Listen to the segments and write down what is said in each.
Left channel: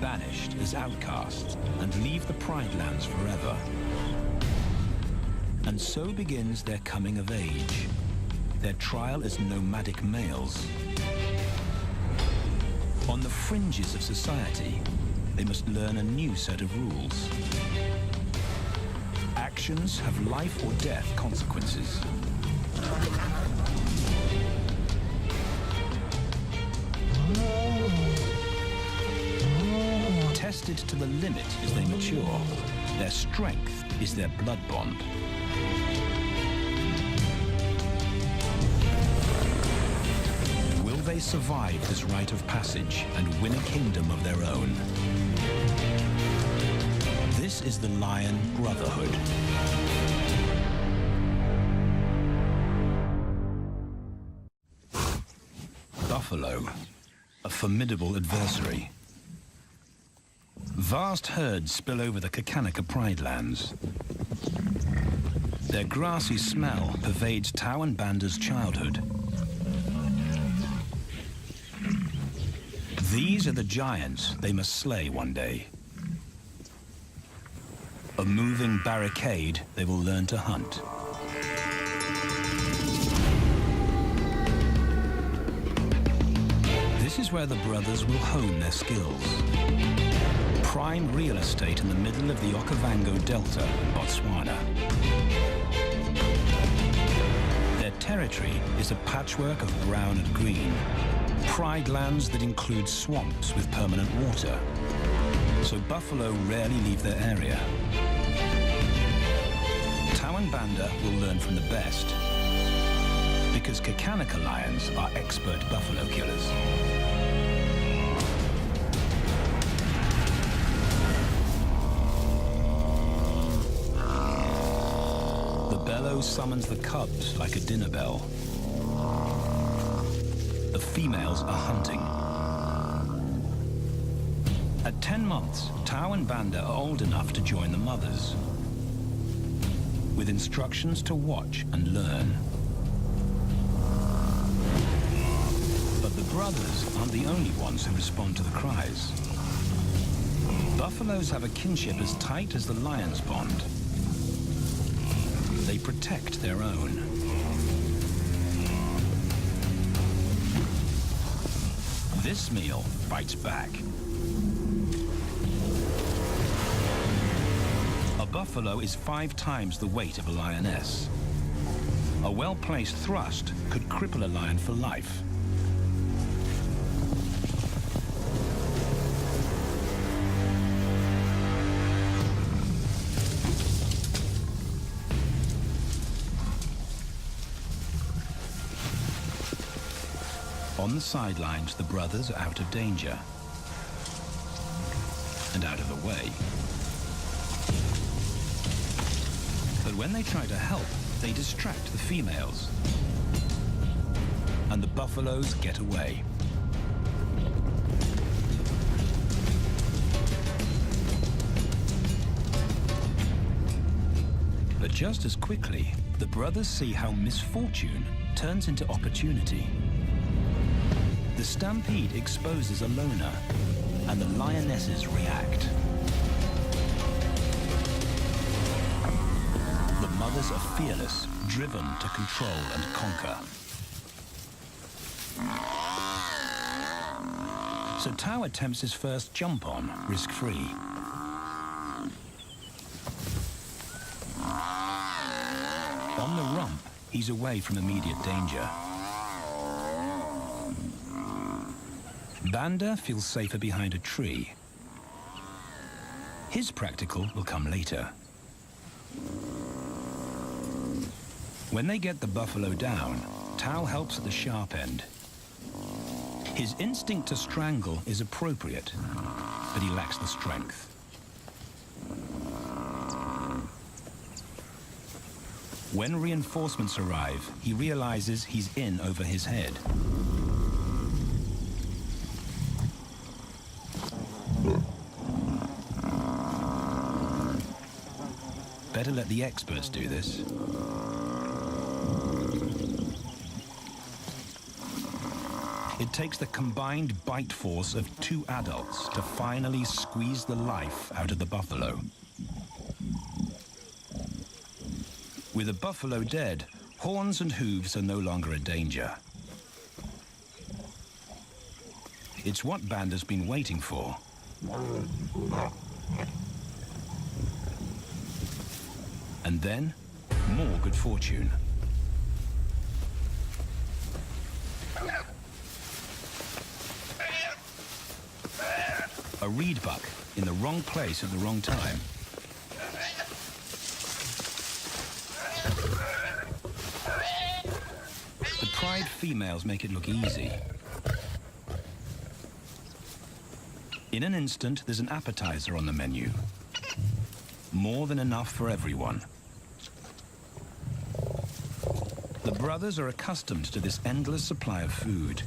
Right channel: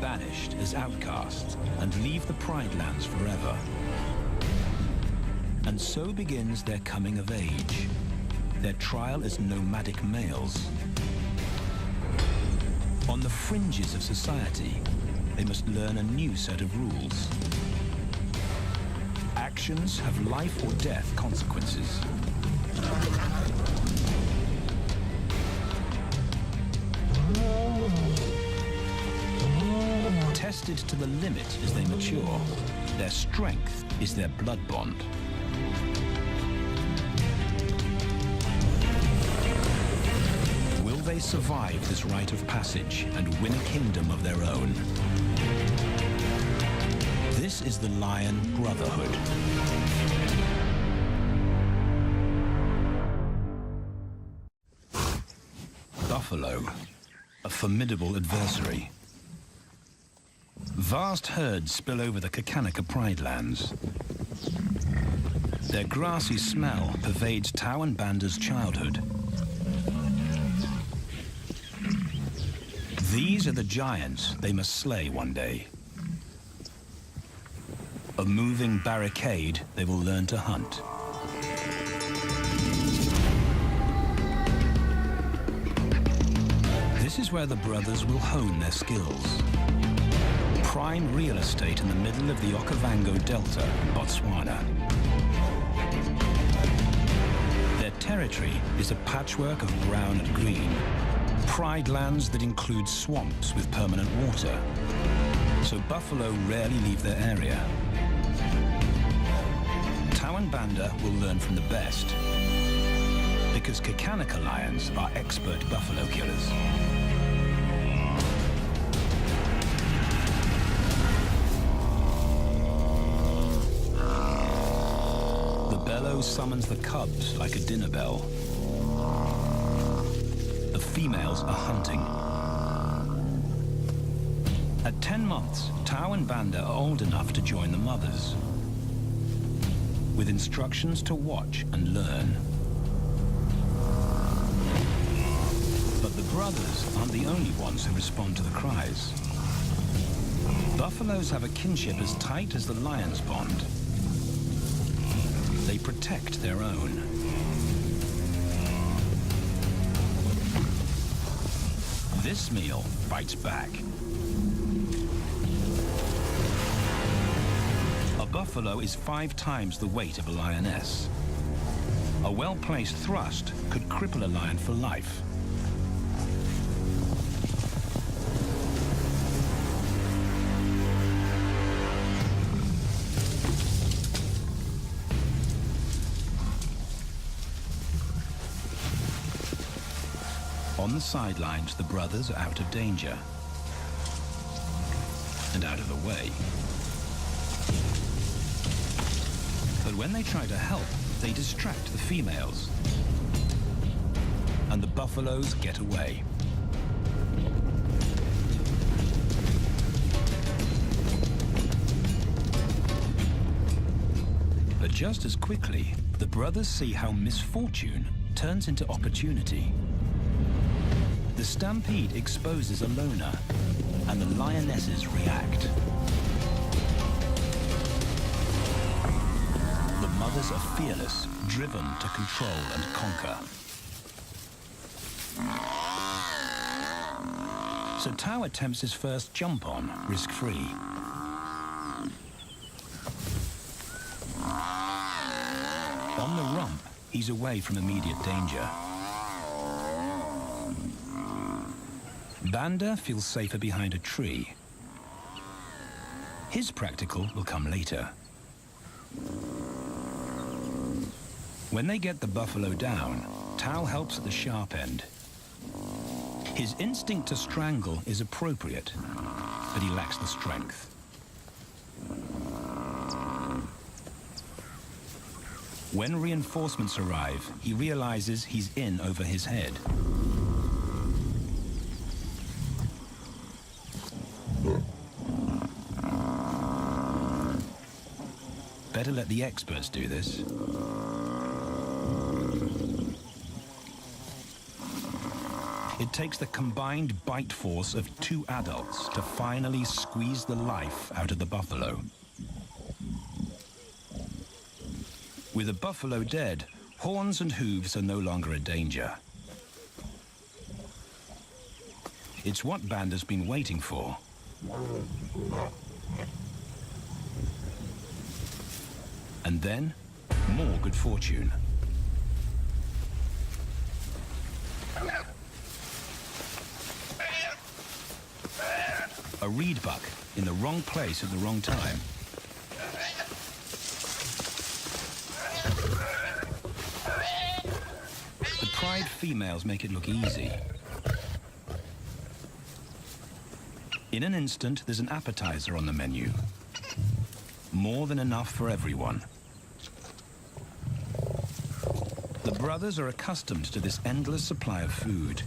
banished as outcasts and leave the Pride Lands forever. And so begins their coming of age, their trial as nomadic males. On the fringes of society, they must learn a new set of rules. Actions have life or death consequences. Tested to the limit as they mature, their strength is their blood bond. Will they survive this rite of passage and win a kingdom of their own? This is the Lion Brotherhood. Buffalo, a formidable adversary. Vast herds spill over the Kakanika Pride Lands. Their grassy smell pervades Tau and Banda's childhood. These are the giants they must slay one day. A moving barricade they will learn to hunt. This is where the brothers will hone their skills. Prime real estate in the middle of the Okavango Delta in Botswana. Their territory is a patchwork of brown and green. Pride lands that include swamps with permanent water. So buffalo rarely leave their area. Tau and Banda will learn from the best, because Kakanika lions are expert buffalo killers. The bellow summons the cubs like a dinner bell. The females are hunting. At 10 months, Tau and Banda are old enough to join the mothers, with instructions to watch and learn. But the brothers aren't the only ones who respond to the cries. Buffaloes have a kinship as tight as the lions' bond. They protect their own. This meal fights back. A buffalo is 5 times the weight of a lioness. A well-placed thrust could cripple a lion for life. On the sidelines, the brothers are out of danger and out of the way. But when they try to help, they distract the females, and the buffaloes get away. But just as quickly, the brothers see how misfortune turns into opportunity. The stampede exposes a loner, and the lionesses react. The mothers are fearless, driven to control and conquer. So Tau attempts his first jump on, risk-free. On the rump, he's away from immediate danger. Banda feels safer behind a tree. His practical will come later. When they get the buffalo down, Tau helps at the sharp end. His instinct to strangle is appropriate, but he lacks the strength. When reinforcements arrive, he realizes he's in over his head. Better let the experts do this. It takes the combined bite force of 2 adults to finally squeeze the life out of the buffalo. With the buffalo dead, horns and hooves are no longer a danger. It's what Banda's been waiting for. And then, more good fortune. A reed buck in the wrong place at the wrong time. The pride females make it look easy. In an instant, there's an appetizer on the menu. More than enough for everyone. The brothers are accustomed to this endless supply of food.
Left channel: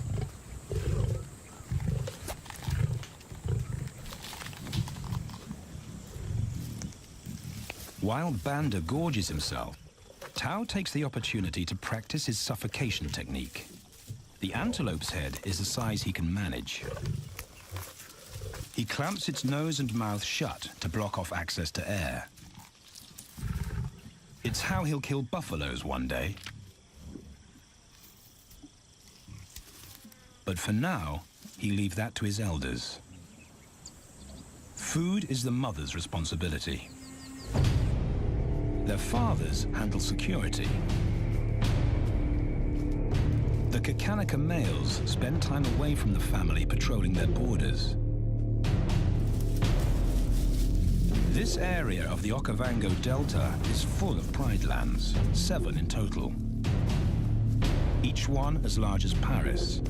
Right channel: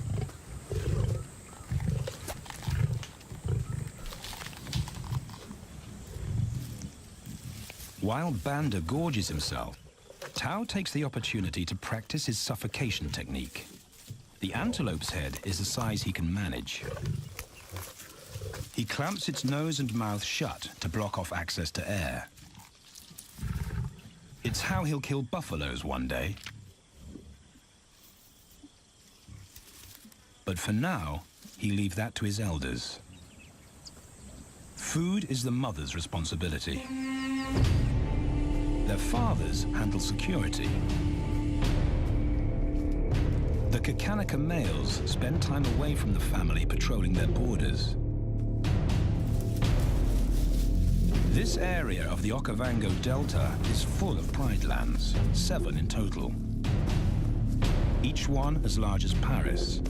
While Banda gorges himself, Tao takes the opportunity to practice his suffocation technique. The antelope's head is a size he can manage. He clamps its nose and mouth shut to block off access to air. It's how he'll kill buffaloes one day. But for now, he leaves that to his elders. Food is the mother's responsibility. Their fathers handle security. The Kakanika males spend time away from the family patrolling their borders. This area of the Okavango Delta is full of pride lands, 7 in total. Each one as large as Paris.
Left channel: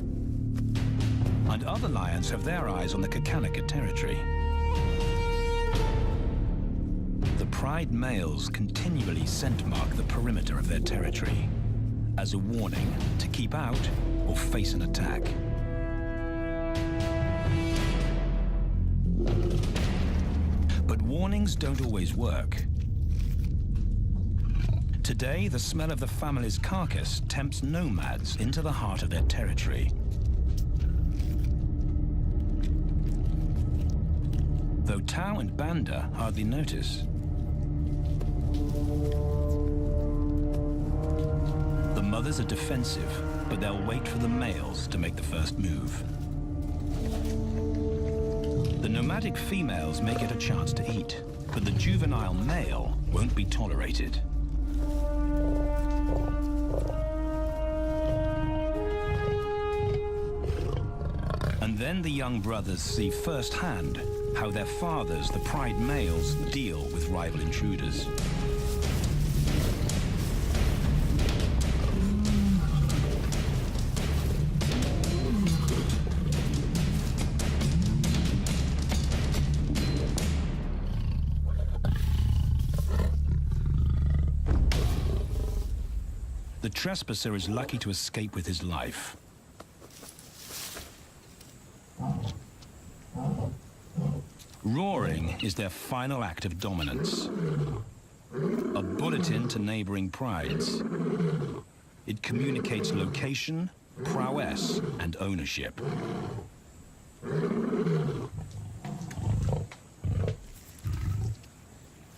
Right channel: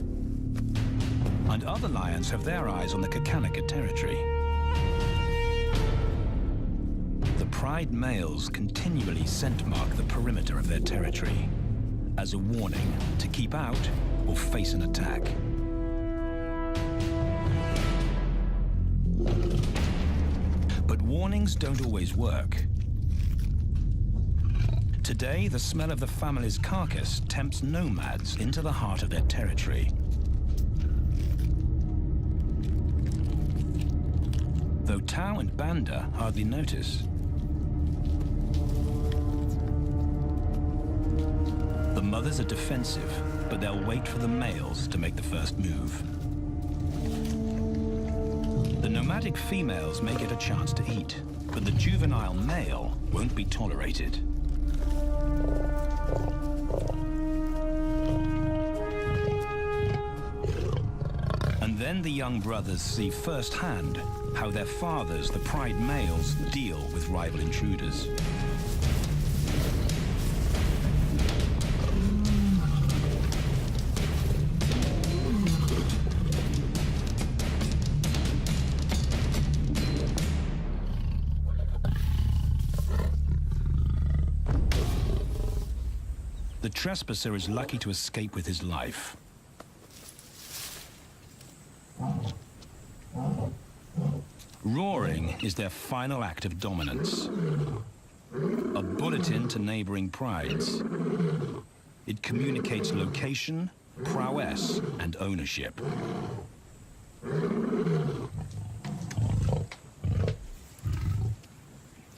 And other lions have their eyes on the Kakanika territory. The pride males continually scent mark the perimeter of their territory as a warning to keep out or face an attack. But warnings don't always work. Today, the smell of the family's carcass tempts nomads into the heart of their territory. Though Tao and Banda hardly notice. The mothers are defensive, but they'll wait for the males to make the first move. The nomadic females may get a chance to eat, but the juvenile male won't be tolerated. And then the young brothers see firsthand how their fathers, the pride males, deal with rival intruders. The trespasser is lucky to escape with his life. Roaring is their final act of dominance. A bulletin to neighboring prides. It communicates location, prowess, and ownership.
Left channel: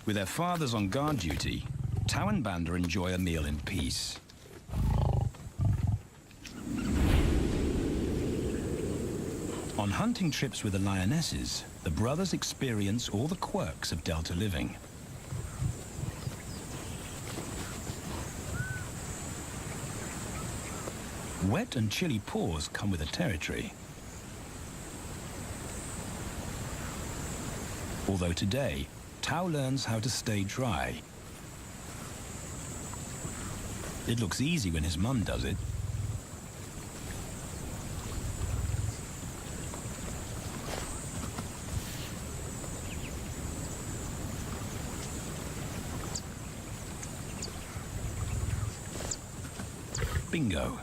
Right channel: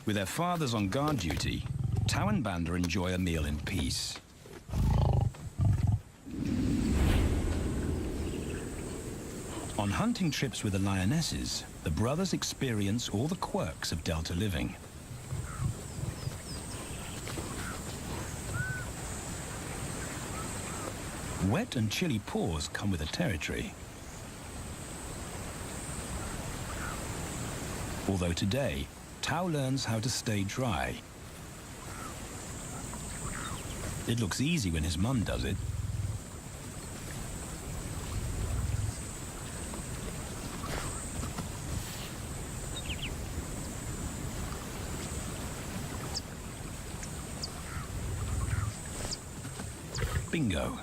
With their fathers on guard duty, Tao and Banda enjoy a meal in peace. On hunting trips with the lionesses, the brothers experience all the quirks of Delta living. Wet and chilly paws come with the territory. Although today, Tao learns how to stay dry. It looks easy when his mum does it. Bingo.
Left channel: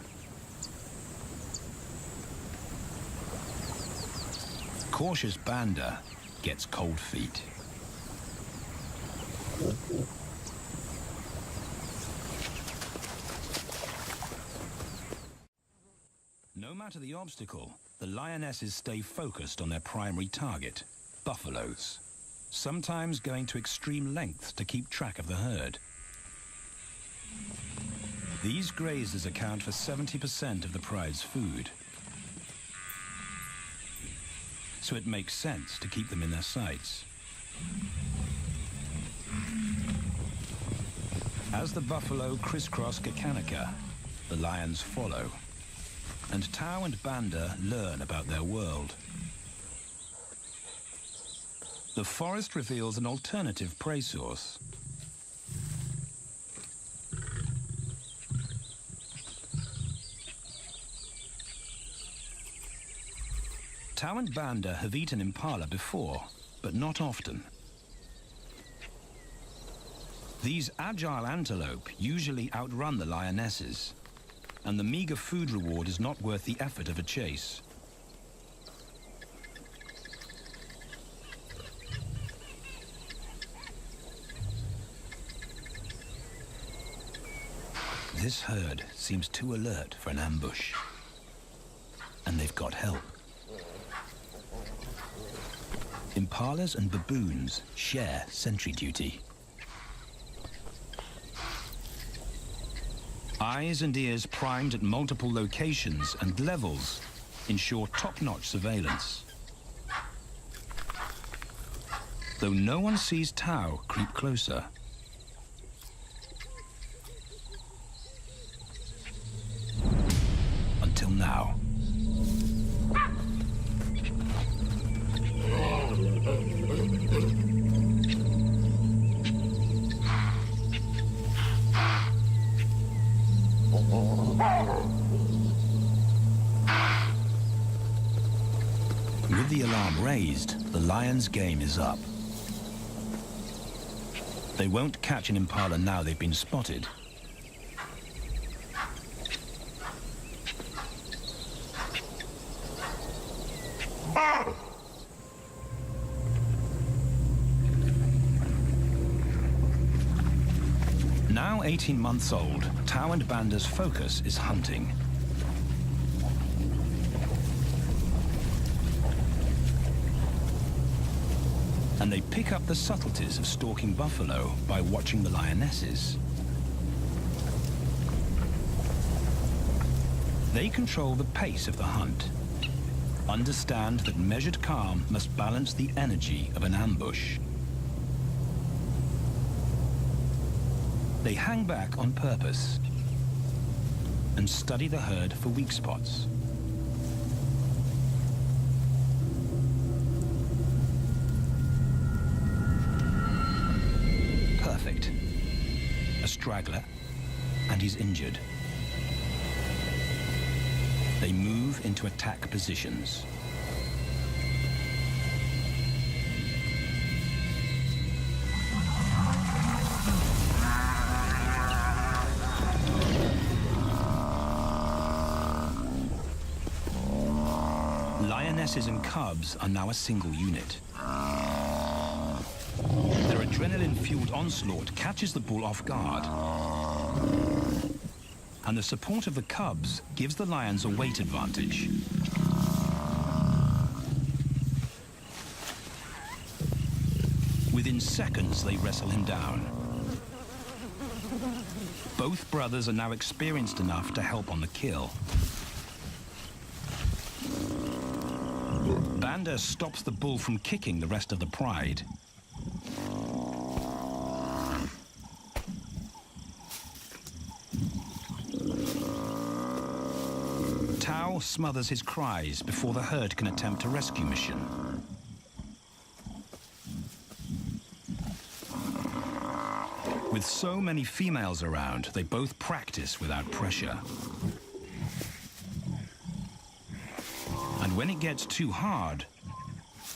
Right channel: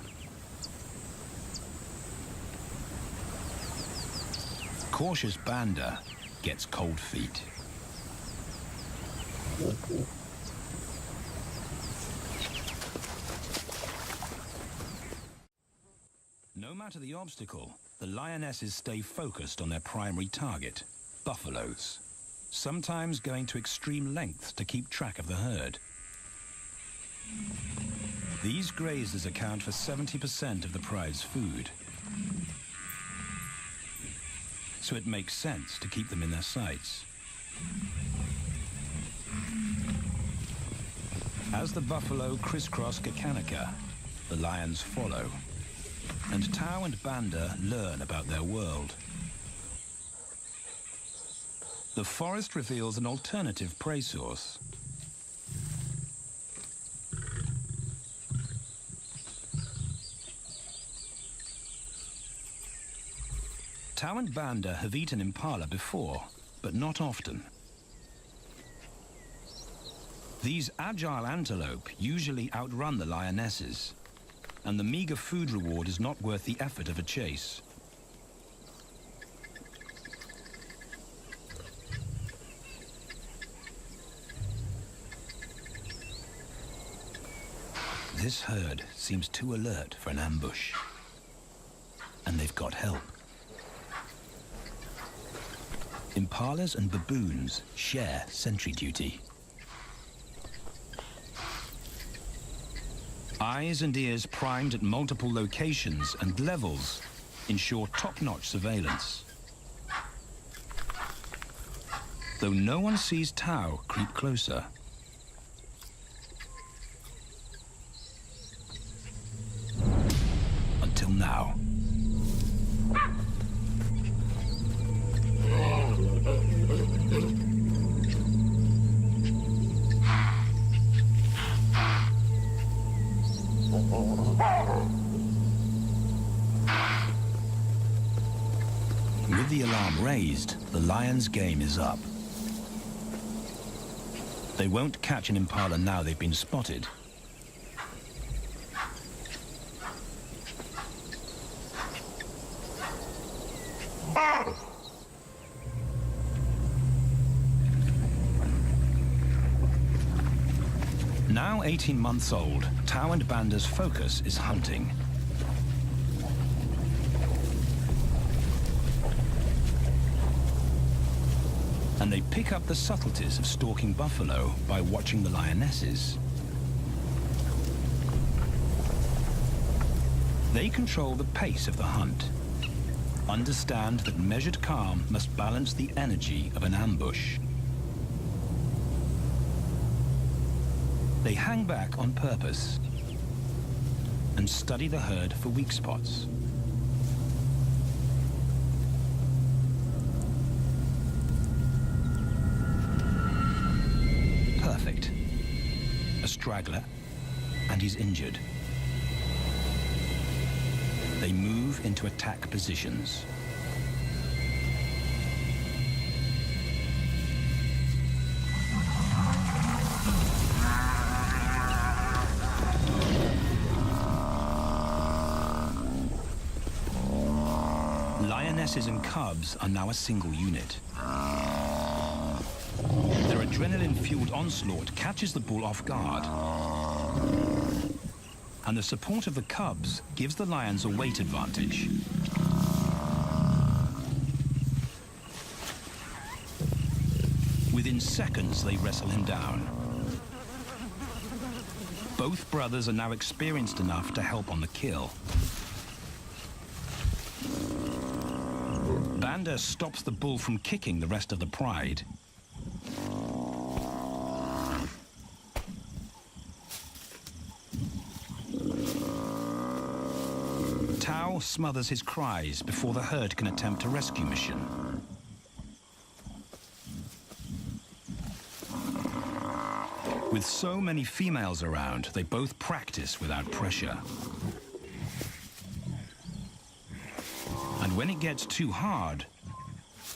Cautious Banda gets cold feet. No matter the obstacle, the lionesses stay focused on their primary target, buffaloes, sometimes going to extreme lengths to keep track of the herd. These grazers account for 70% of the pride's food, so it makes sense to keep them in their sights. As the buffalo crisscross Kakanika, the lions follow, and Tao and Banda learn about their world. The forest reveals an alternative prey source. Tao and Banda have eaten impala before, but not often. These agile antelope usually outrun the lionesses, and the meager food reward is not worth the effort of a chase. This herd seems too alert for an ambush, and they've got help. Impalas and baboons share sentry duty. Eyes and ears primed at multiple locations and levels ensure top-notch surveillance. Though no one sees Tao creep closer. Until now. With the alarm raised, the lion's game is up. They won't catch an impala now they've been spotted. Now 18 months old, Tao and Banda's focus is hunting. And they pick up the subtleties of stalking buffalo by watching the lionesses. They control the pace of the hunt, understand that measured calm must balance the energy of an ambush. They hang back on purpose and study the herd for weak spots. Perfect. A straggler, and he's injured. They move into attack positions. Lionesses and cubs are now a single unit. Their adrenaline-fueled onslaught catches the bull off guard. And the support of the cubs gives the lions a weight advantage. Within seconds, they wrestle him down. Both brothers are now experienced enough to help on the kill. Banda stops the bull from kicking the rest of the pride. Tao smothers his cries before the herd can attempt a rescue mission. With so many females around, they both practice without pressure. And when it gets too hard,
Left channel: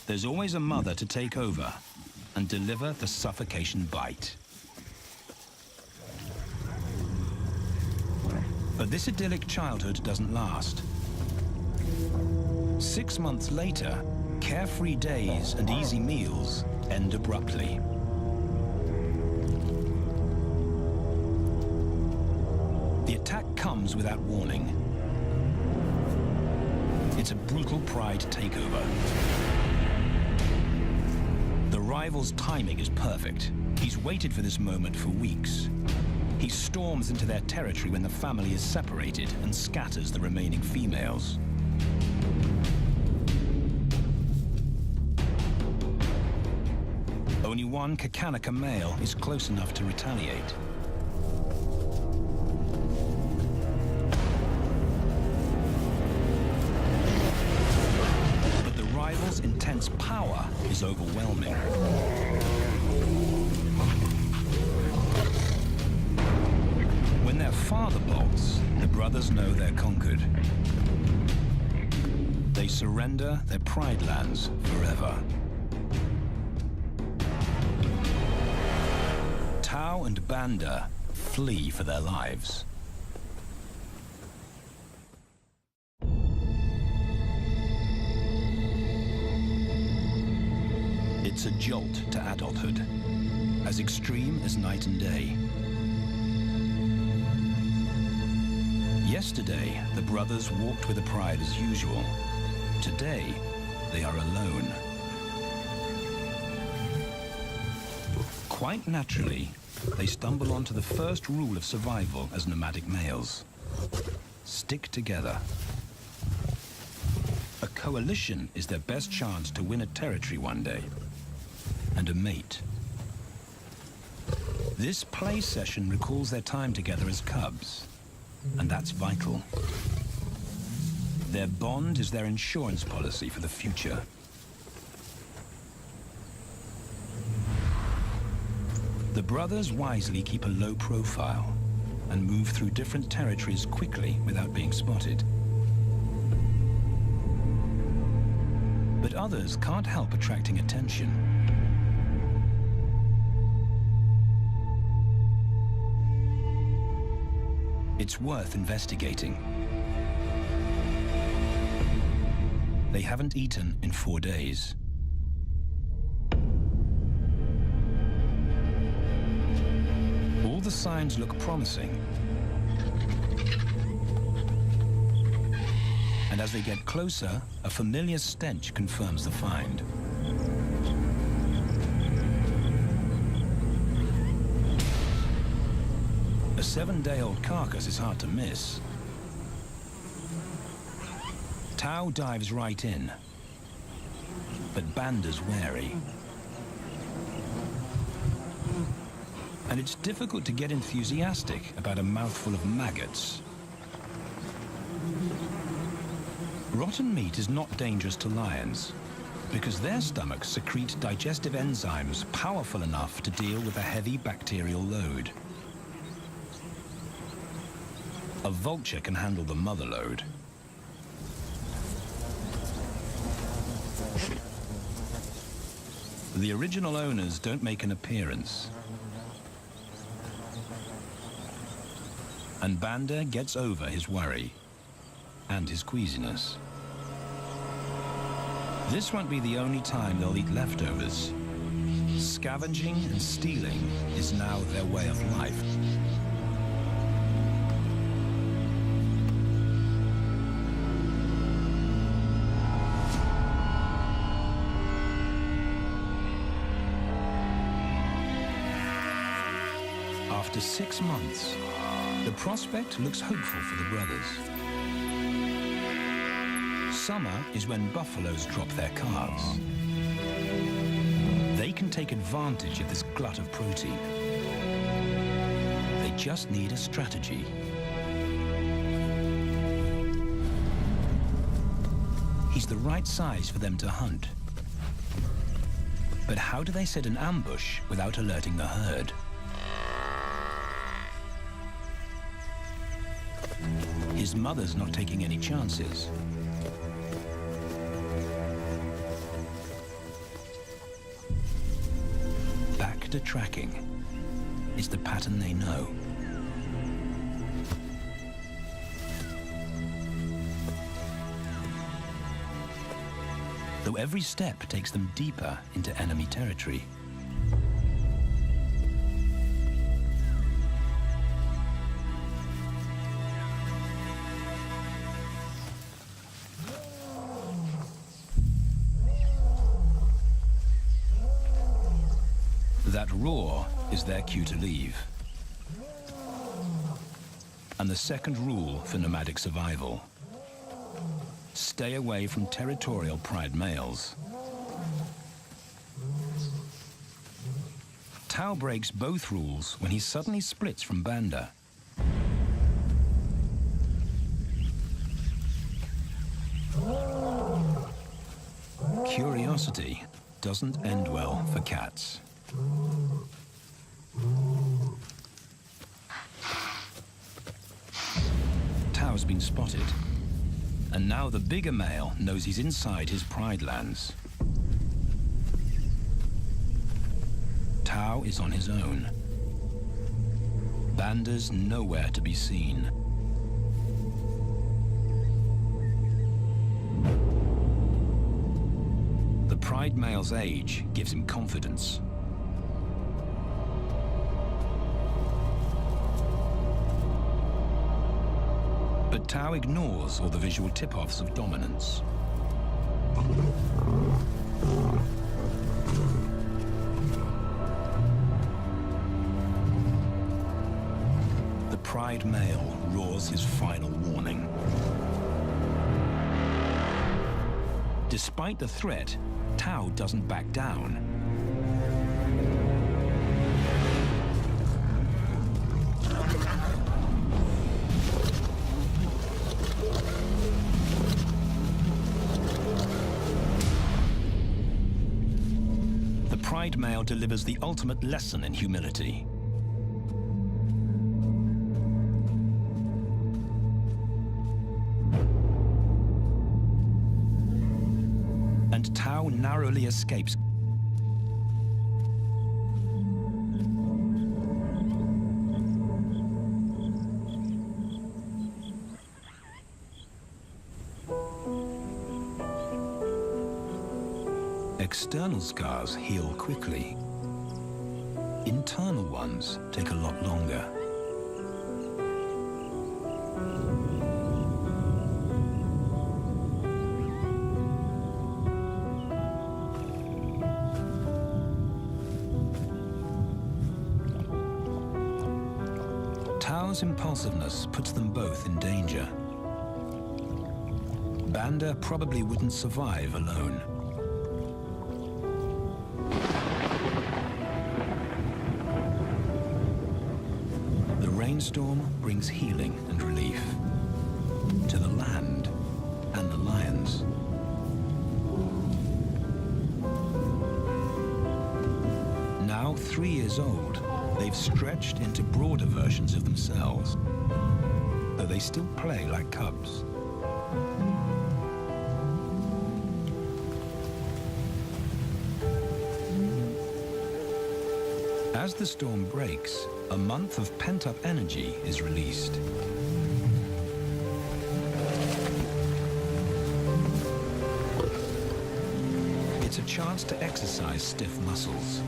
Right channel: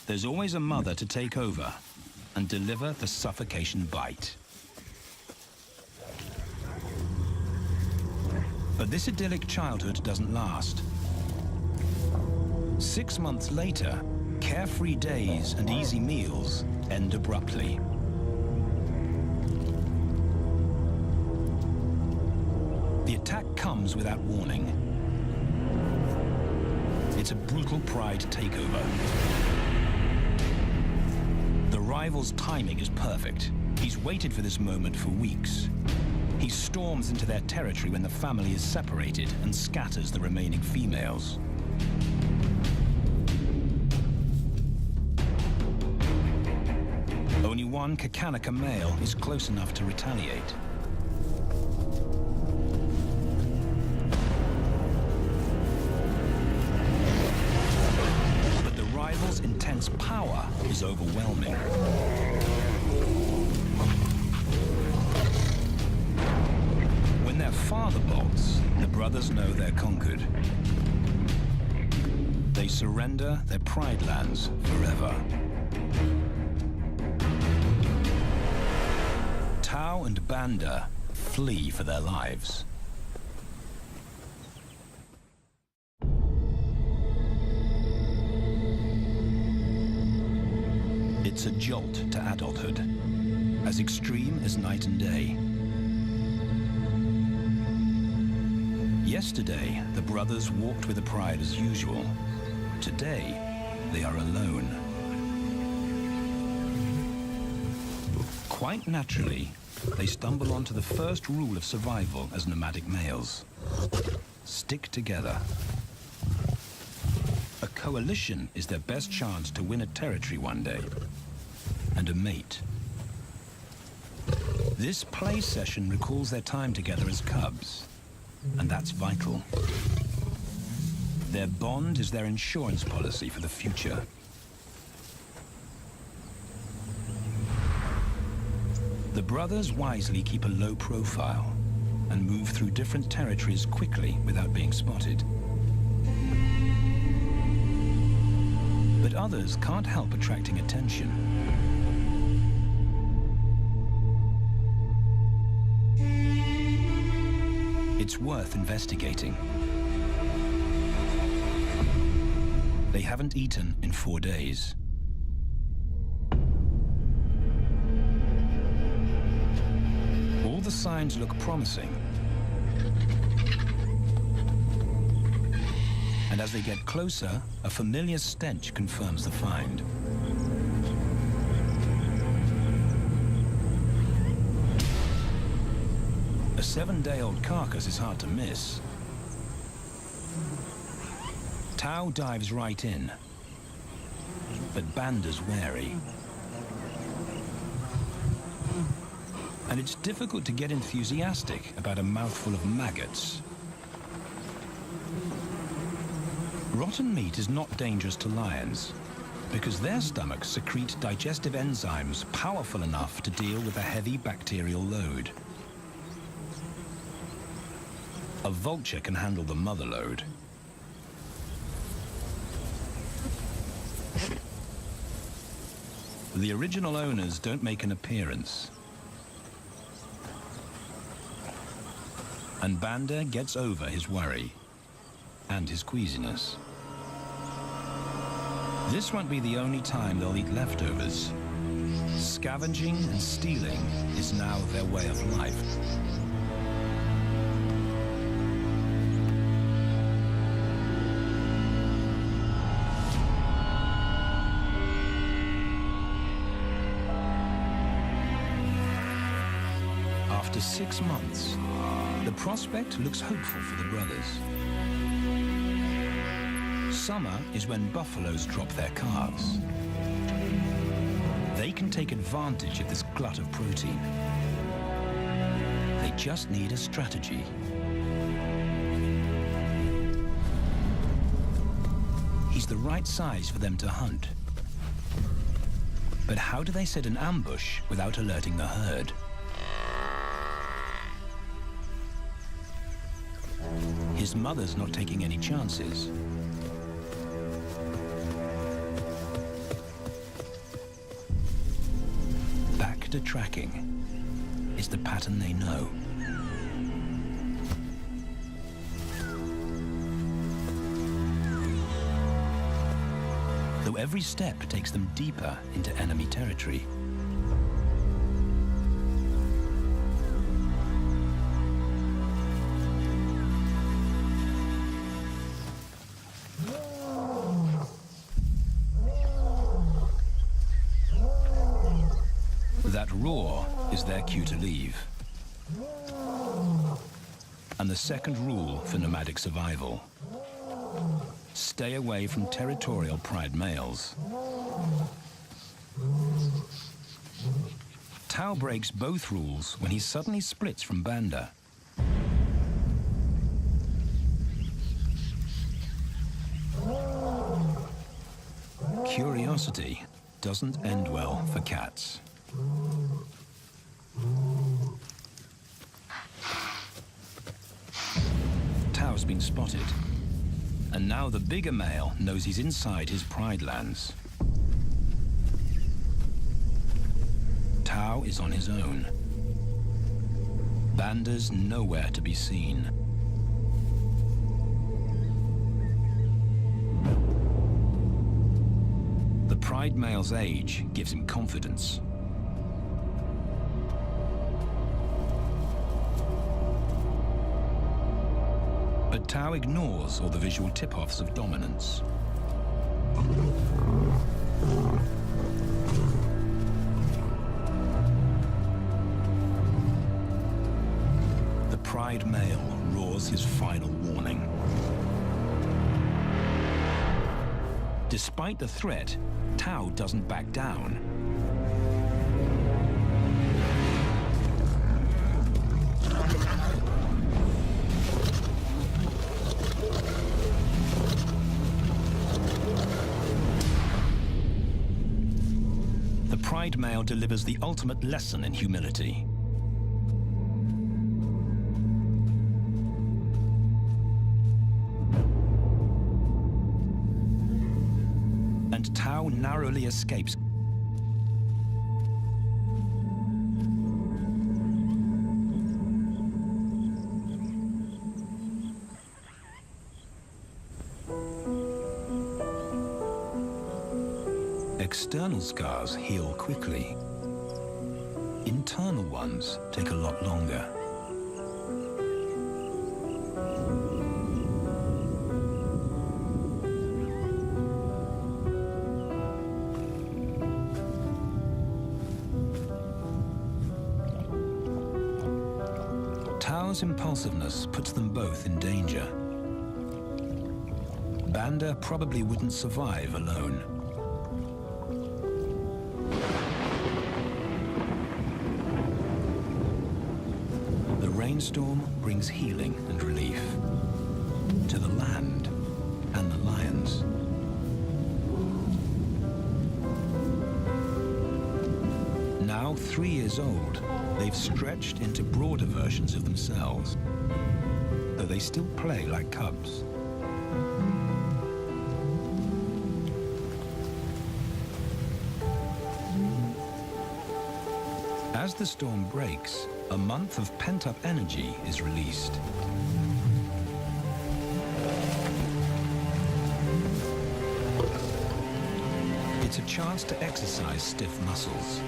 there's always a mother to take over and deliver the suffocation bite. But this idyllic childhood doesn't last. 6 months later, carefree days and easy meals end abruptly. The attack comes without warning. It's a brutal pride takeover. The rival's timing is perfect. He's waited for this moment for weeks. He storms into their territory when the family is separated and scatters the remaining females. Only one Kakanika male is close enough to retaliate. But the rival's intense power is overwhelming. When their father bolts, the brothers know they're conquered. They surrender their pride lands forever. Tao and Banda flee for their lives. It's a jolt to adulthood, as extreme as night and day. Yesterday, the brothers walked with the pride as usual. Today, they are alone. Quite naturally, they stumble onto the first rule of survival as nomadic males. Stick together. A coalition is their best chance to win a territory one day, and a mate. This play session recalls their time together as cubs, and that's vital. Their bond is their insurance policy for the future. The brothers wisely keep a low profile and move through different territories quickly without being spotted. But others can't help attracting attention. It's worth investigating. They haven't eaten in 4 days. All the signs look promising. And as they get closer, a familiar stench confirms the find. A 7-day-old carcass is hard to miss. Tao dives right in, but Banda's wary. And it's difficult to get enthusiastic about a mouthful of maggots. Rotten meat is not dangerous to lions, because their stomachs secrete digestive enzymes powerful enough to deal with a heavy bacterial load. A vulture can handle the mother load. The original owners don't make an appearance. And Banda gets over his worry and his queasiness. This won't be the only time they'll eat leftovers. Scavenging and stealing is now their way of life. After 6 months, the prospect looks hopeful for the brothers. Summer is when buffaloes drop their calves. They can take advantage of this glut of protein. They just need a strategy. He's the right size for them to hunt. But how do they set an ambush without alerting the herd? His mother's not taking any chances. Back to tracking. It's the pattern they know. Though every step takes them deeper into enemy territory. That roar is their cue to leave. And the second rule for nomadic survival: stay away from territorial pride males. Tao breaks both rules when he suddenly splits from Banda. Curiosity doesn't end well for cats. Tao's been spotted, and now the bigger male knows he's inside his pride lands. Tao is on his own. Banda's nowhere to be seen. The pride male's age gives him confidence. But Tao ignores all the visual tip-offs of dominance. The pride male roars his final warning. Despite the threat, Tao doesn't back down. The pride male delivers the ultimate lesson in humility. And Tao narrowly escapes. External scars heal quickly. Internal ones take a lot longer. Tao's impulsiveness puts them both in danger. Banda probably wouldn't survive alone. The rainstorm brings healing and relief to the land and the lions. Now 3 years old, they've stretched into broader versions of themselves, though they still play like cubs. As the storm breaks, a month of pent-up energy is released. It's a chance to exercise stiff muscles.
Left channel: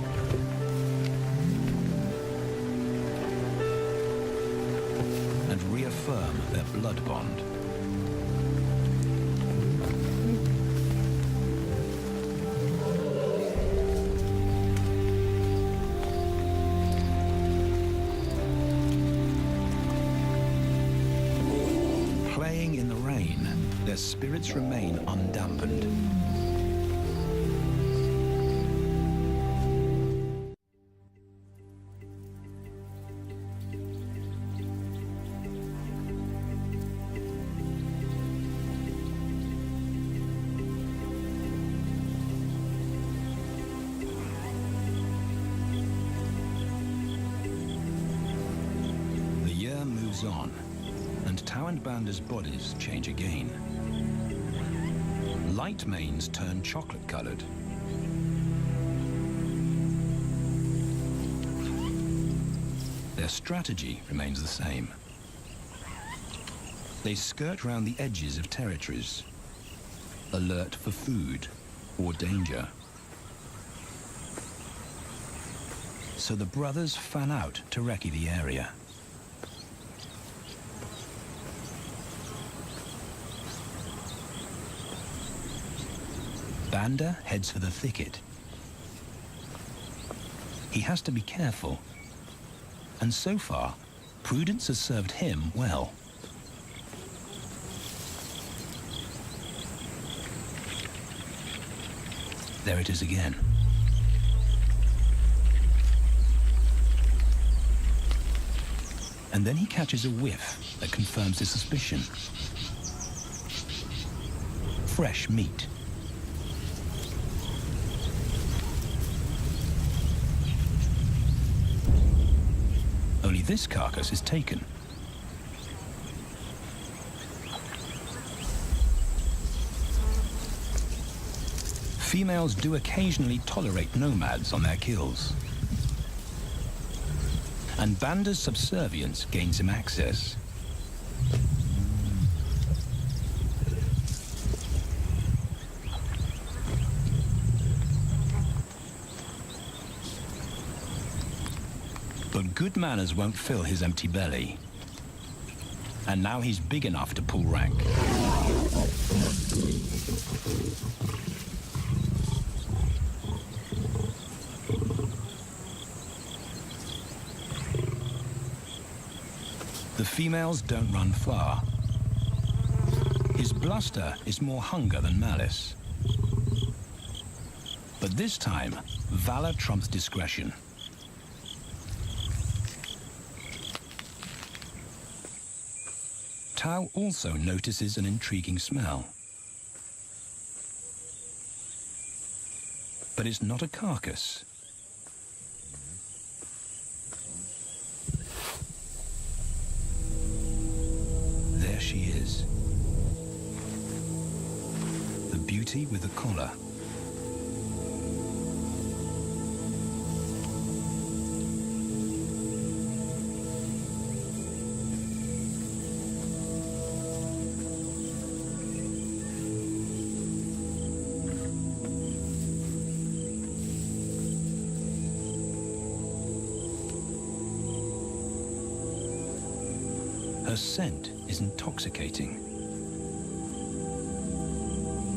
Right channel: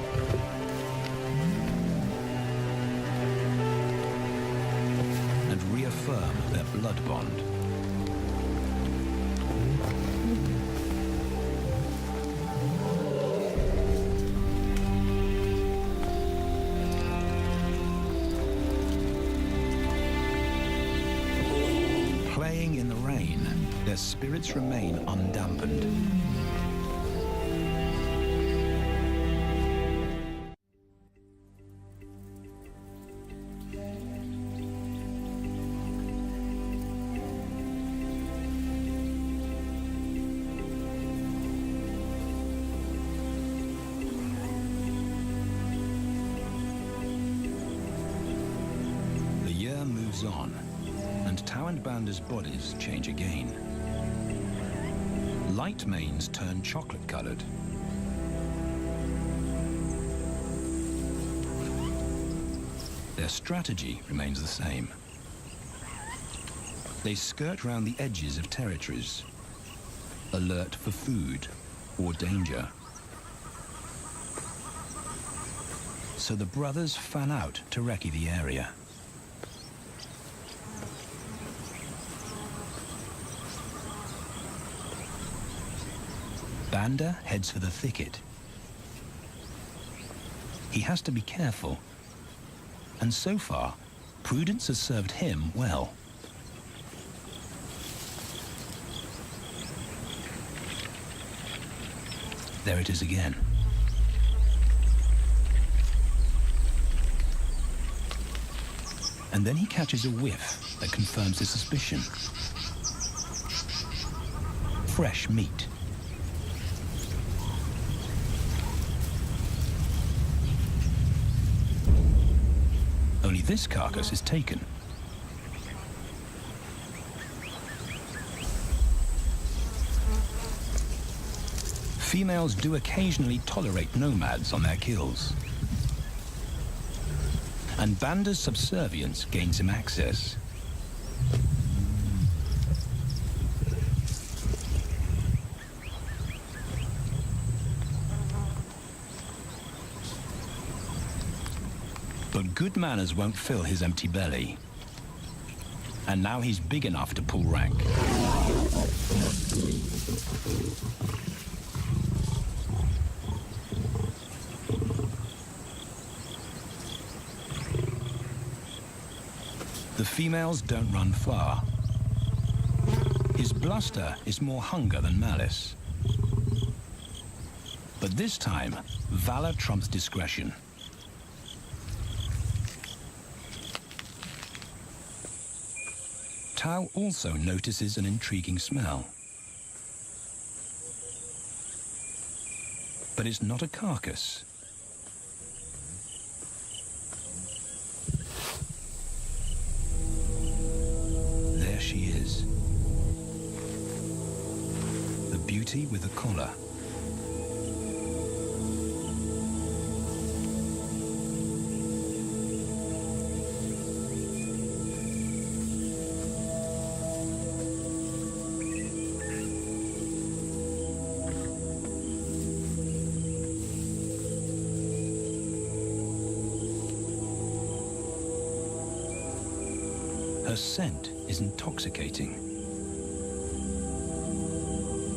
And reaffirm their blood bond. Playing in the rain, their spirits remain undampened. The year moves on, and Tao and Banda's bodies change again. Light manes turn chocolate-colored. Their strategy remains the same. They skirt round the edges of territories, alert for food or danger. So the brothers fan out to recce the area. Banda heads for the thicket. He has to be careful. And so far, prudence has served him well. There it is again. And then he catches a whiff that confirms his suspicion. Fresh meat. Only this carcass is taken. Females do occasionally tolerate nomads on their kills. And Banda's subservience gains him access. But good manners won't fill his empty belly. And now he's big enough to pull rank. The females don't run far. His bluster is more hunger than malice. But this time, valor trumps discretion. Tao also notices an intriguing smell. But it's not a carcass. There she is. The beauty with the collar. Her scent is intoxicating.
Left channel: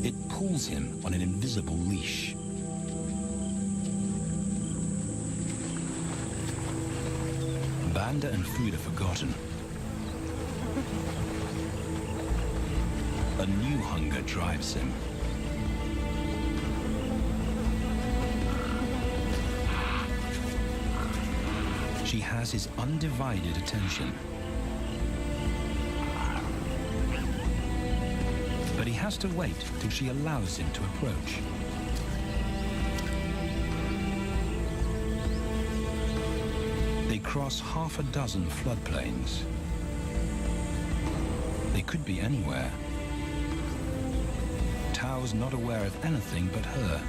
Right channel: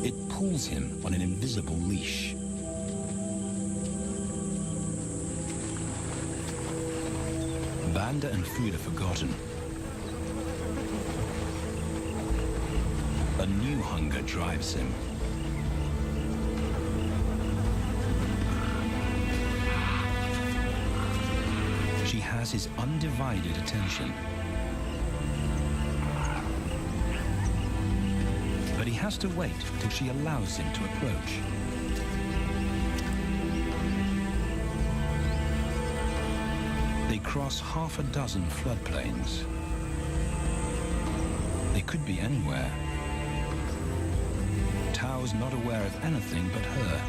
It pulls him on an invisible leash. Banda and food are forgotten. A new hunger drives him. She has his undivided attention. But he has to wait till she allows him to approach. They cross half a dozen floodplains. They could be anywhere. Tao's not aware of anything but her.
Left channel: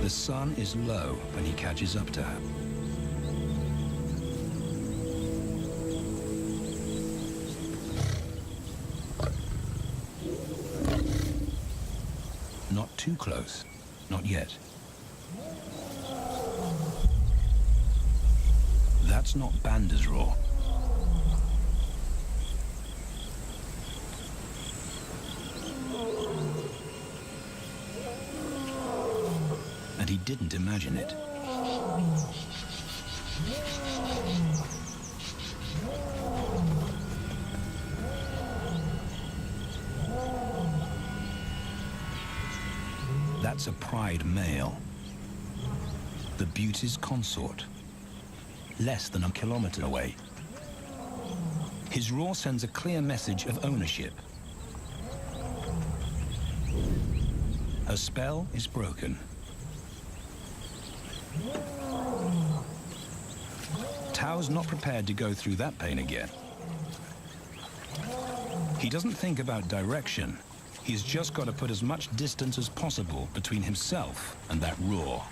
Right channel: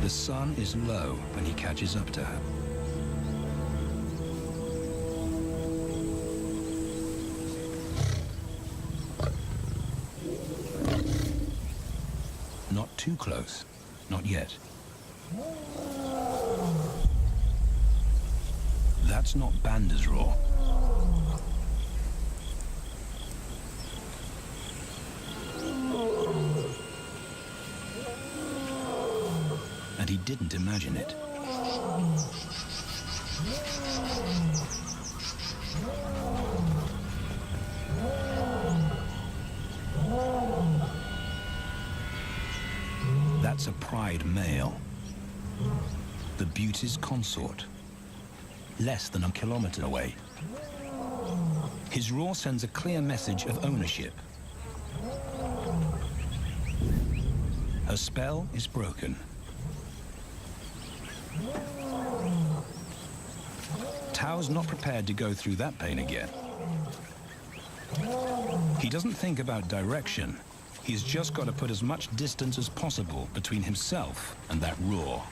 The sun is low when he catches up to her. Not too close. Not yet. That's not Banda's roar. And he didn't imagine it. That's a pride male. The beauty's consort. Less than a kilometer away. His roar sends a clear message of ownership. Her spell is broken. Tao's not prepared to go through that pain again. He doesn't think about direction. He's just got to put as much distance as possible between himself and that roar.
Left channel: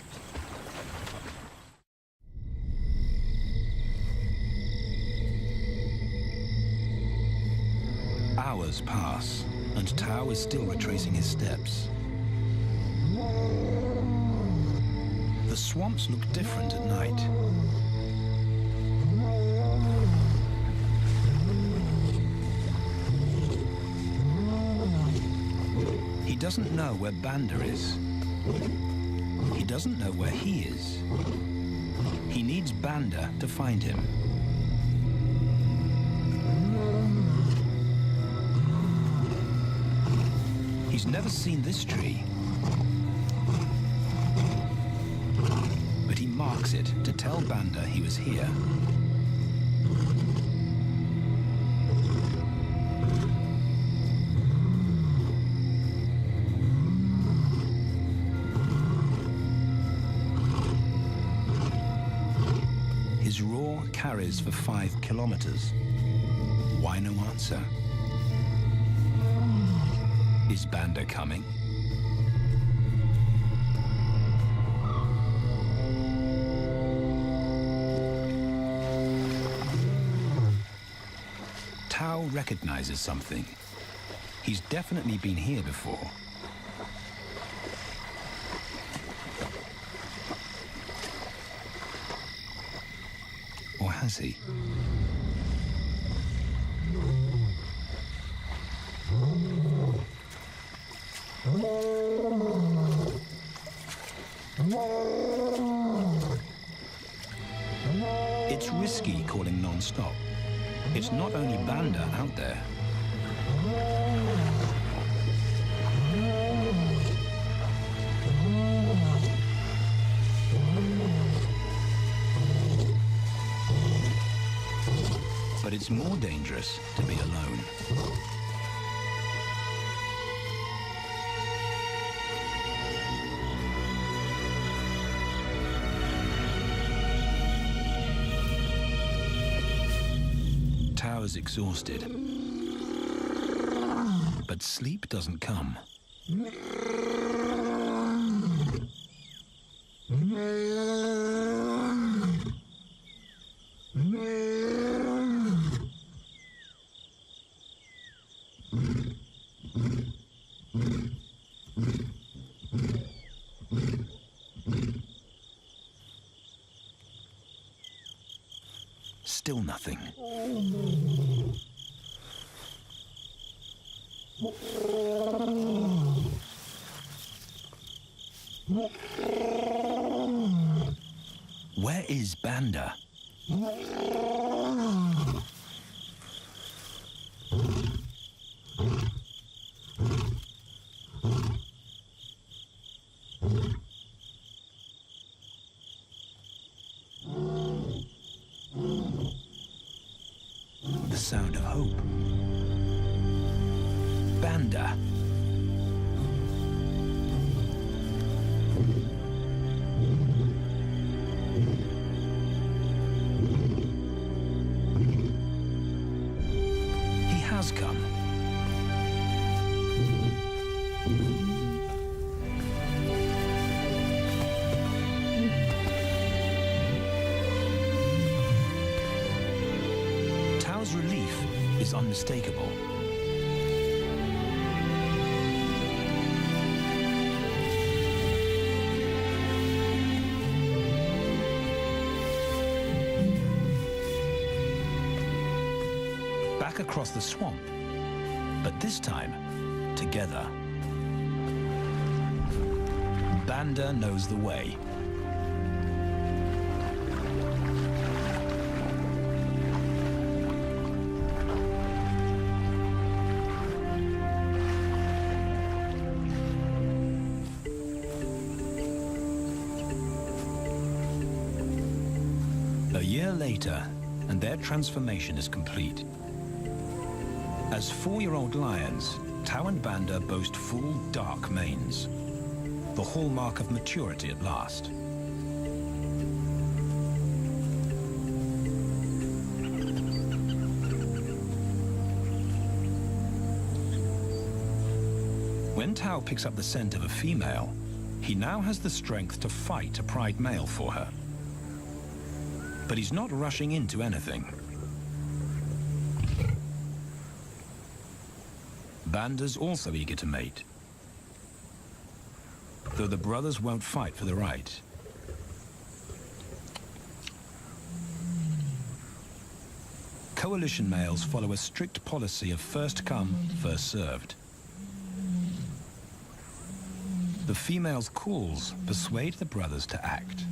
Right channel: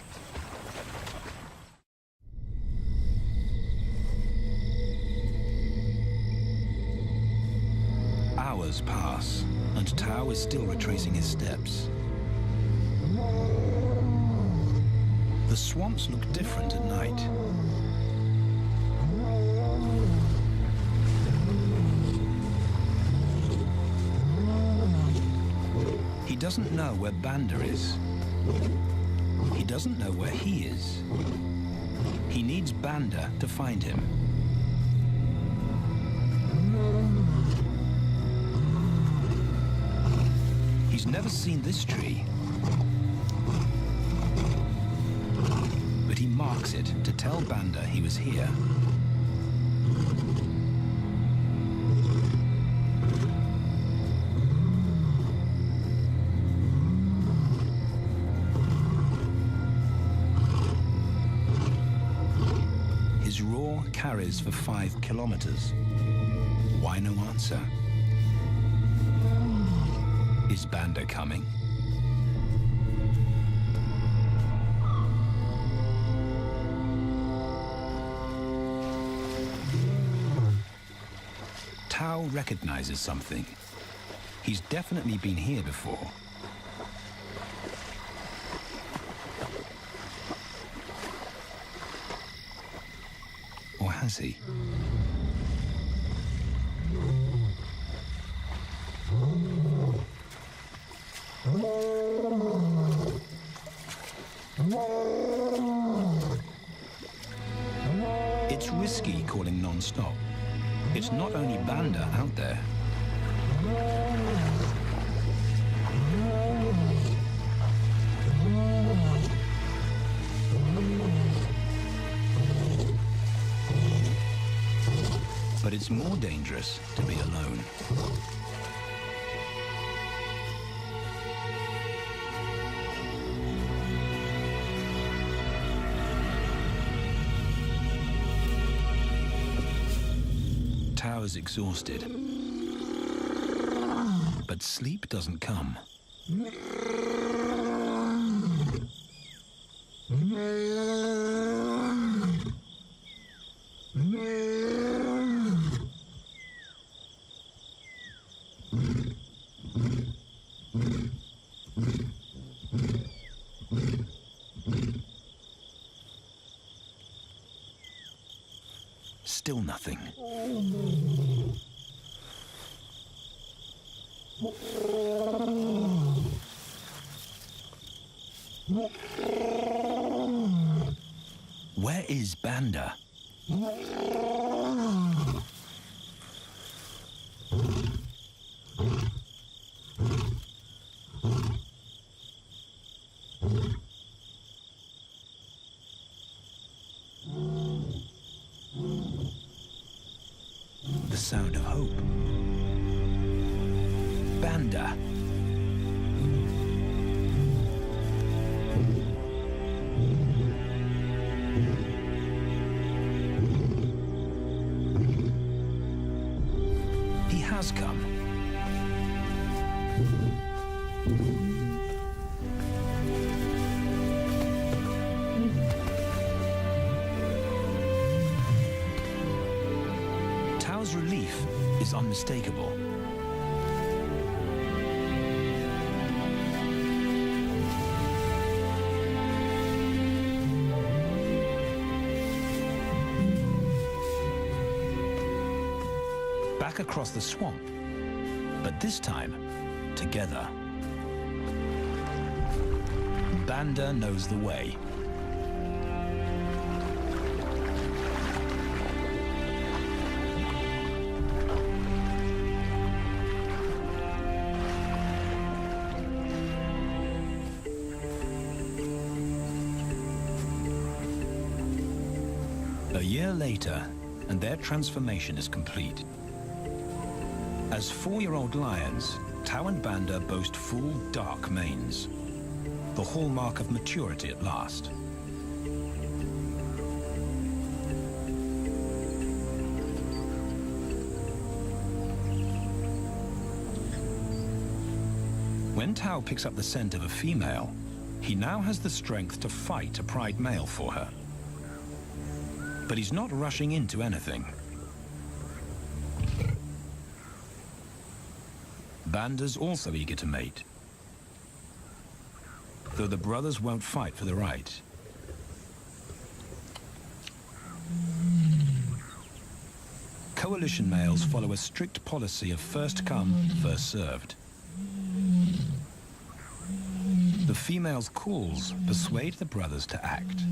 Hours pass, and Tao is still retracing his steps. The swamps look different at night. doesn't know where Banda is. He doesn't know where he is. He needs Banda to find him. He's never seen this tree, but he marks it to tell Banda he was here. His roar carries for 5 kilometers. Why no answer? Is Banda coming? Tao recognizes something. He's definitely been here before. Or has he? It's risky calling non-stop. It's not only Banda out there. But it's more dangerous to be alone. Tao is exhausted, but sleep doesn't come. Still nothing. Where is Banda? The sound of hope. Banda. He has come. Tao's relief is unmistakable. Back across the swamp, but this time, together. Banda knows the way. A year later, and their transformation is complete. As 4-year-old lions, Tao and Banda boast full, dark manes, the hallmark of maturity at last. When Tao picks up the scent of a female, he now has the strength to fight a pride male for her. But he's not rushing into anything. Banda's also eager to mate, though the brothers won't fight for the right. Coalition males follow a strict policy of first come, first served. The female's calls persuade the brothers to act.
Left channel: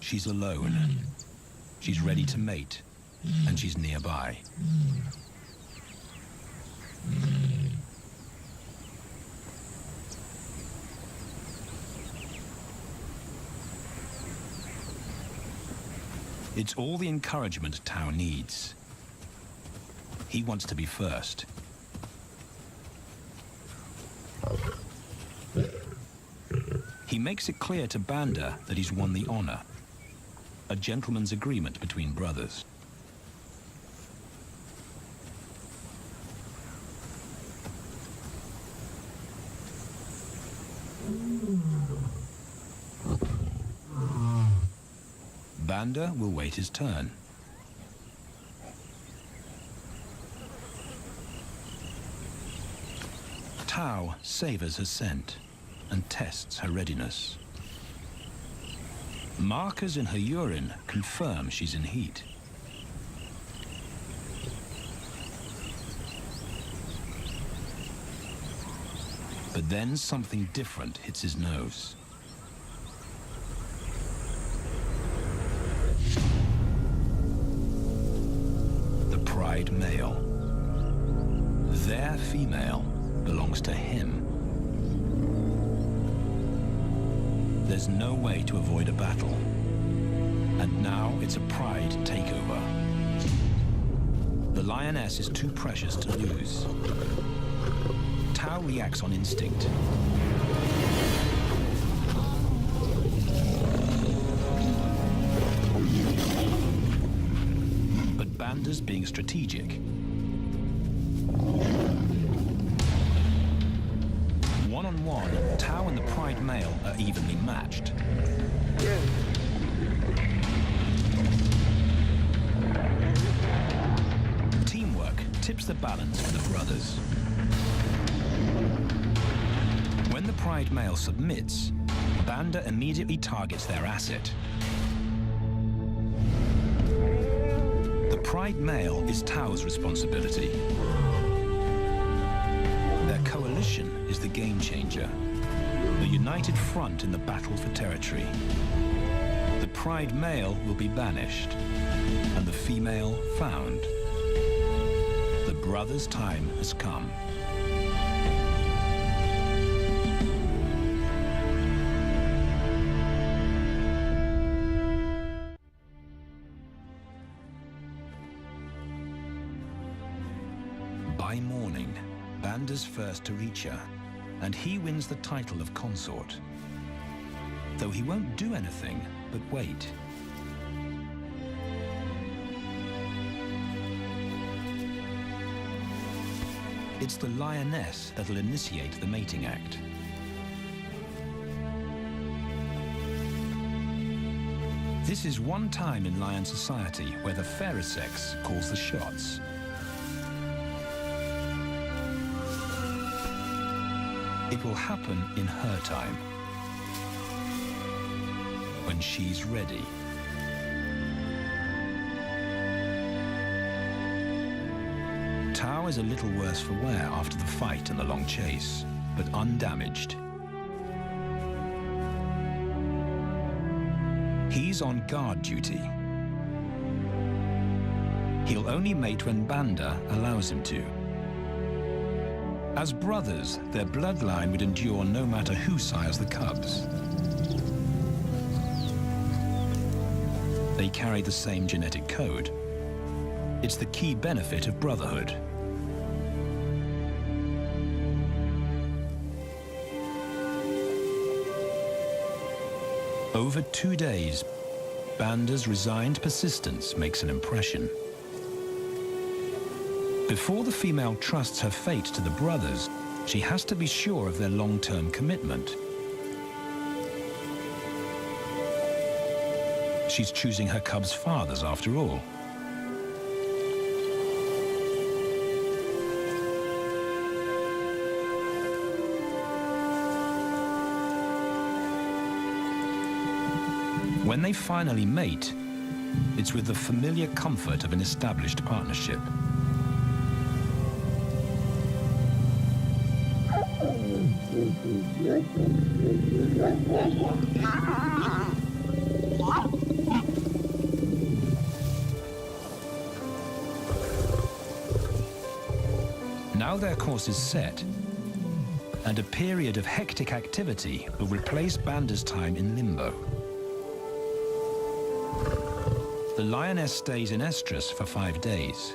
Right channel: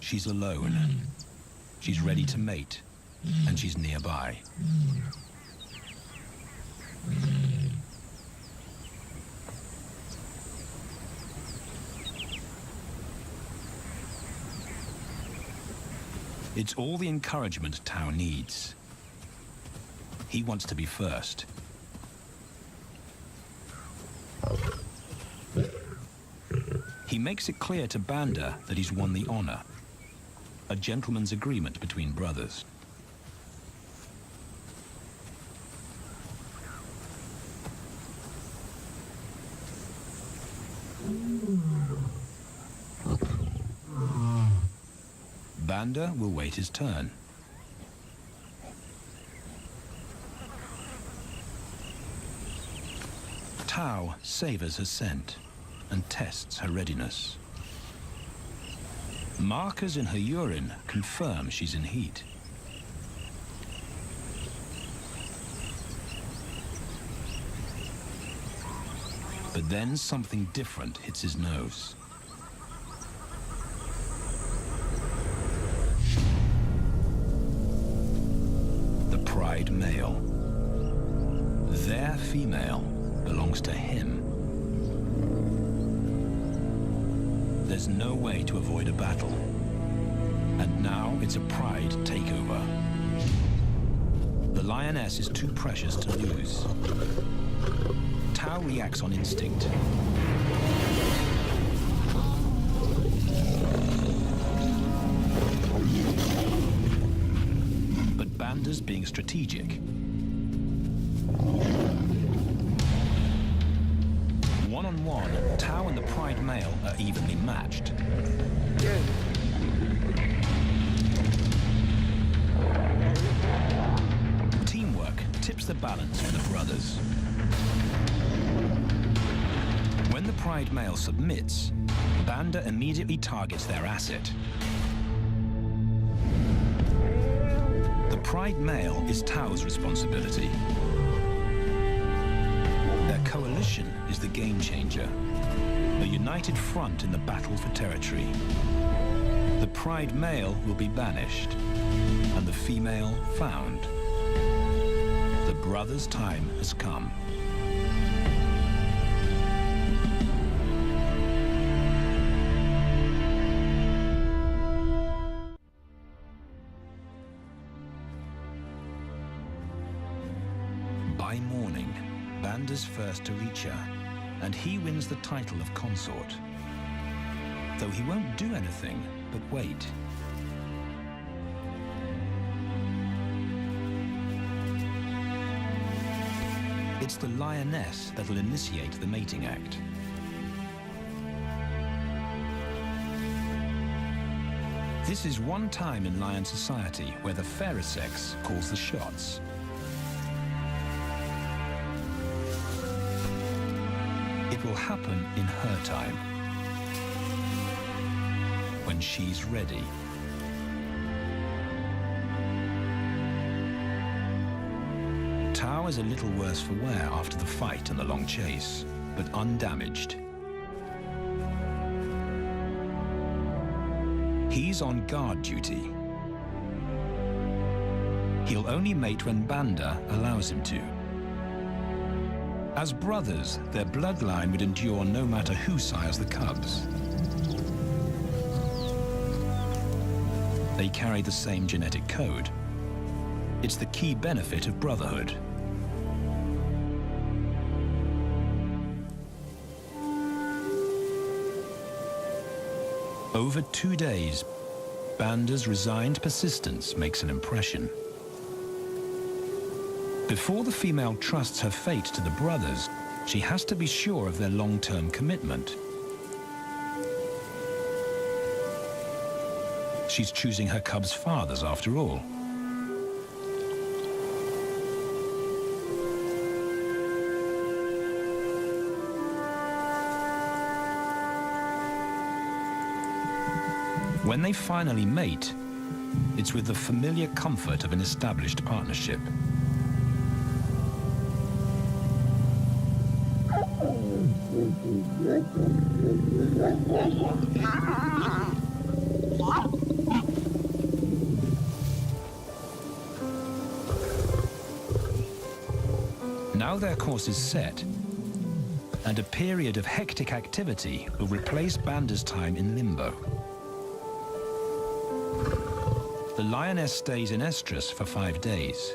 She's alone. She's ready to mate, and she's nearby. It's all the encouragement Tao needs. He wants to be first. He makes it clear to Banda that he's won the honor, a gentleman's agreement between brothers. Banda will wait his turn. Tao savors her scent and tests her readiness. Markers in her urine confirm she's in heat. But then something different hits his nose. The pride male. Their female belongs to him. There's no way to avoid a battle. And now it's a pride takeover. The lioness is too precious to lose. Tao reacts on instinct. But Banda's being strategic. One-on-one, Tao and the pride male are evenly matched. Yeah. Teamwork tips the balance for the brothers. When the pride male submits, Banda immediately targets their asset. The pride male is Tao's responsibility. Their coalition is the game changer, a united front in the battle for territory. The pride male will be banished, and the female found. The brothers' time has come. By morning, Banda's first to reach her, and he wins the title of consort. Though he won't do anything but wait. It's the lioness that'll initiate the mating act. This is one time in lion society where the fairer sex calls the shots. It will happen in her time, when she's ready. Tao is a little worse for wear after the fight and the long chase, but undamaged. He's on guard duty. He'll only mate when Banda allows him to. As brothers, their bloodline would endure no matter who sires the cubs. They carry the same genetic code. It's the key benefit of brotherhood. Over 2 days, Banda's resigned persistence makes an impression. Before the female trusts her fate to the brothers, she has to be sure of their long-term commitment. She's choosing her cubs' fathers after all. When they finally mate, it's with the familiar comfort of an established partnership. Now their course is set, and a period of hectic activity will replace Banda's time in limbo. The lioness stays in estrus for 5 days,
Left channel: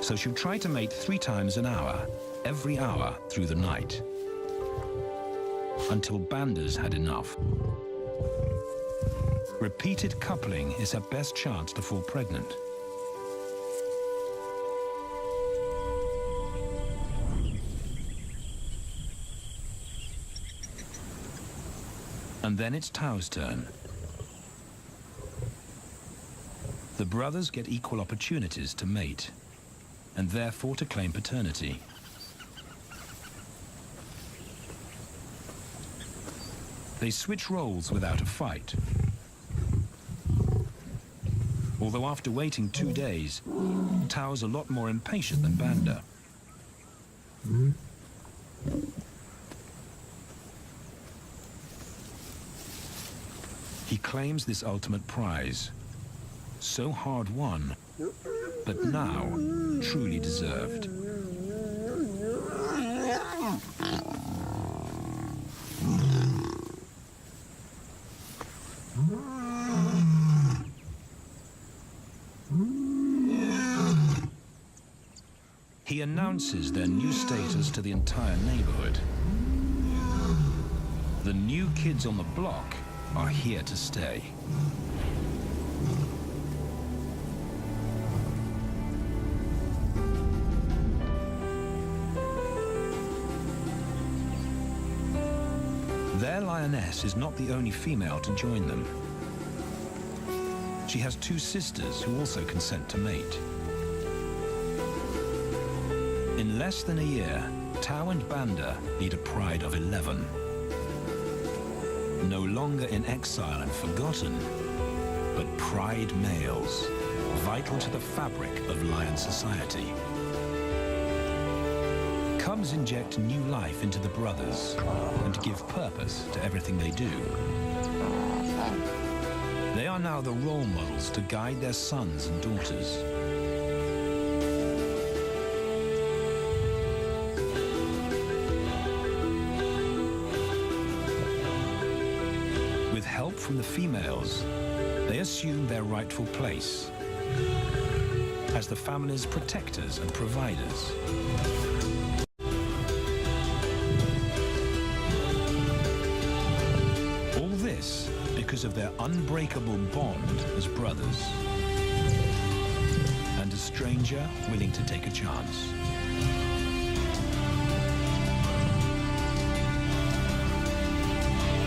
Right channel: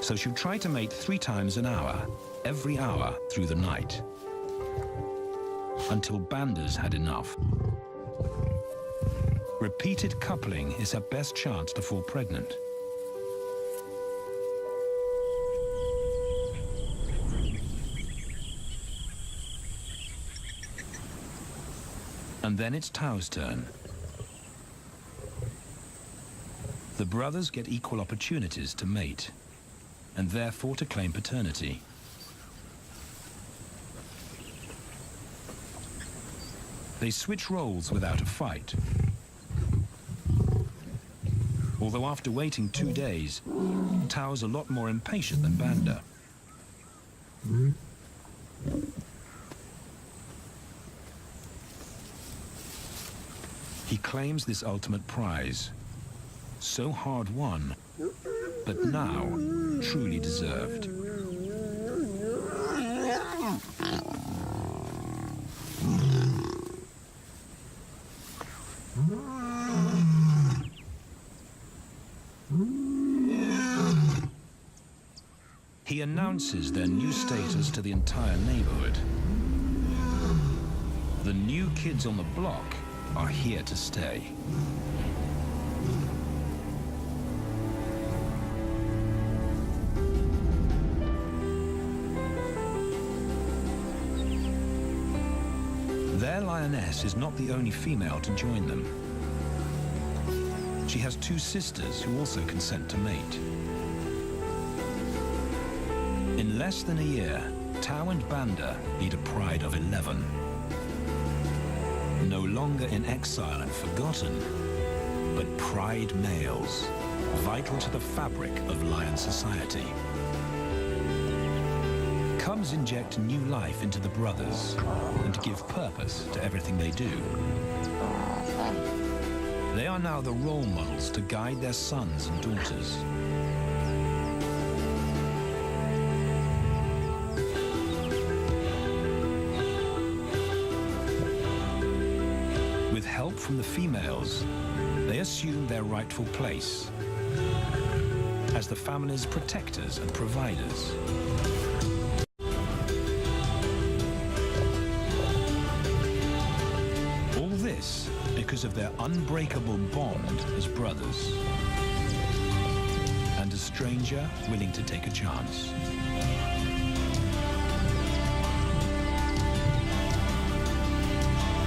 so she'll try to mate 3 times an hour, every hour through the night, until Banda's had enough. Repeated coupling is her best chance to fall pregnant. And then it's Tao's turn. The brothers get equal opportunities to mate, and therefore to claim paternity. They switch roles without a fight. Although after waiting 2 days, Tao's a lot more impatient than Banda. He claims this ultimate prize, so hard won, but now truly deserved. He announces their new status to the entire neighborhood. The new kids on the block are here to stay. Their lioness is not the only female to join them. She has 2 sisters who also consent to mate. In less than a year, Tao and Banda lead a pride of 11. No longer in exile and forgotten, but pride males, vital to the fabric of lion society. Cubs inject new life into the brothers and give purpose to everything they do. They are now the role models to guide their sons and daughters. With help from the females, they assume their rightful place as the family's protectors and providers. All this because of their unbreakable bond as brothers, and a stranger willing to take a chance.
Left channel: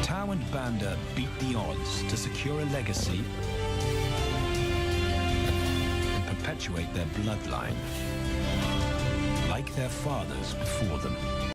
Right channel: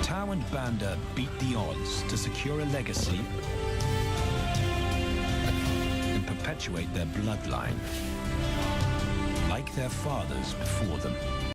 Tao and Banda beat the odds to secure a legacy and perpetuate their bloodline, like their fathers before them.